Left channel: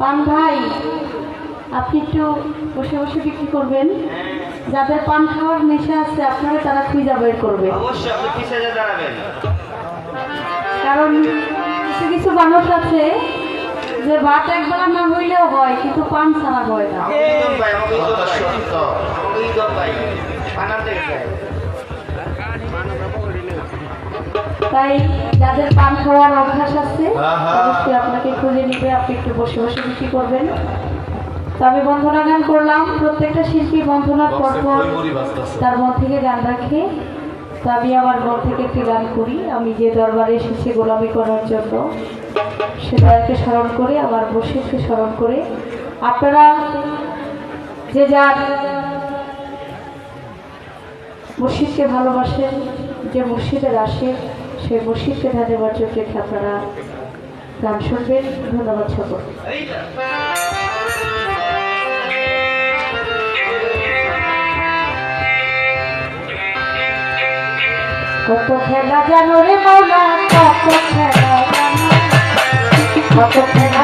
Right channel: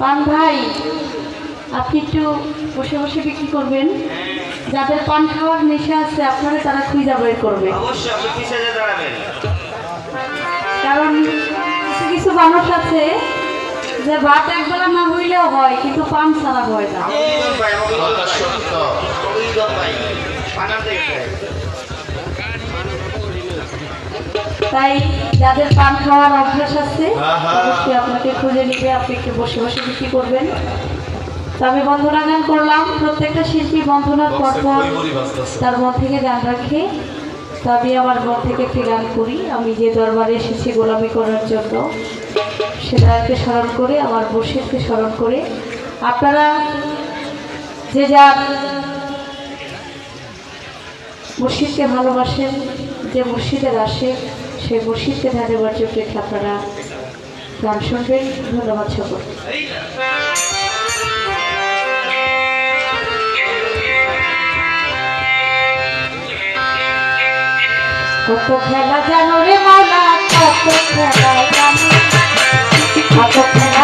পান ভাই, আপনি একটু বসে বসে বিক্রি করবেন। যাদের পান খাওয়ার নেশা আছে আপনারা তারা খুঁজে বের করবে, কারণ কিছু কিছু মানুষ আছে যে ভাত একবেলা না হইলেও হয় কিন্তু পান ছাড়া হয় না। তাই যাদের পান খাওয়ার অভ্যাস আছে অবশ্যই আপনাকে খুঁজে নিবে, আপনি একটু বসে বসে বিক্রি করবেন। তো আমি বন্ধনা গান করলাম, প্রত্যেকটা শিল্পী বন্ধনার পরপর তার মন থেকে গান রাখে। তো আমি আমার মন থেকে একটি গান করি। আমি যে দরবারে এসেছি গোলামি করার জন্য, সেটাকে স্মরণ করে আমার মুর্শিদকে স্মরণ করে আপনারা যে যার মুর্শিদকে ভালোবাসেন, যে মুর্শিদের আসে সেই মুর্শিদকে ধ্যানের জন্য আপনারা গান শুনবেন। ধন্যবাদ সকল। কত খেলা জানো রে মৌলা, কত খেলা জানো, কত খেলা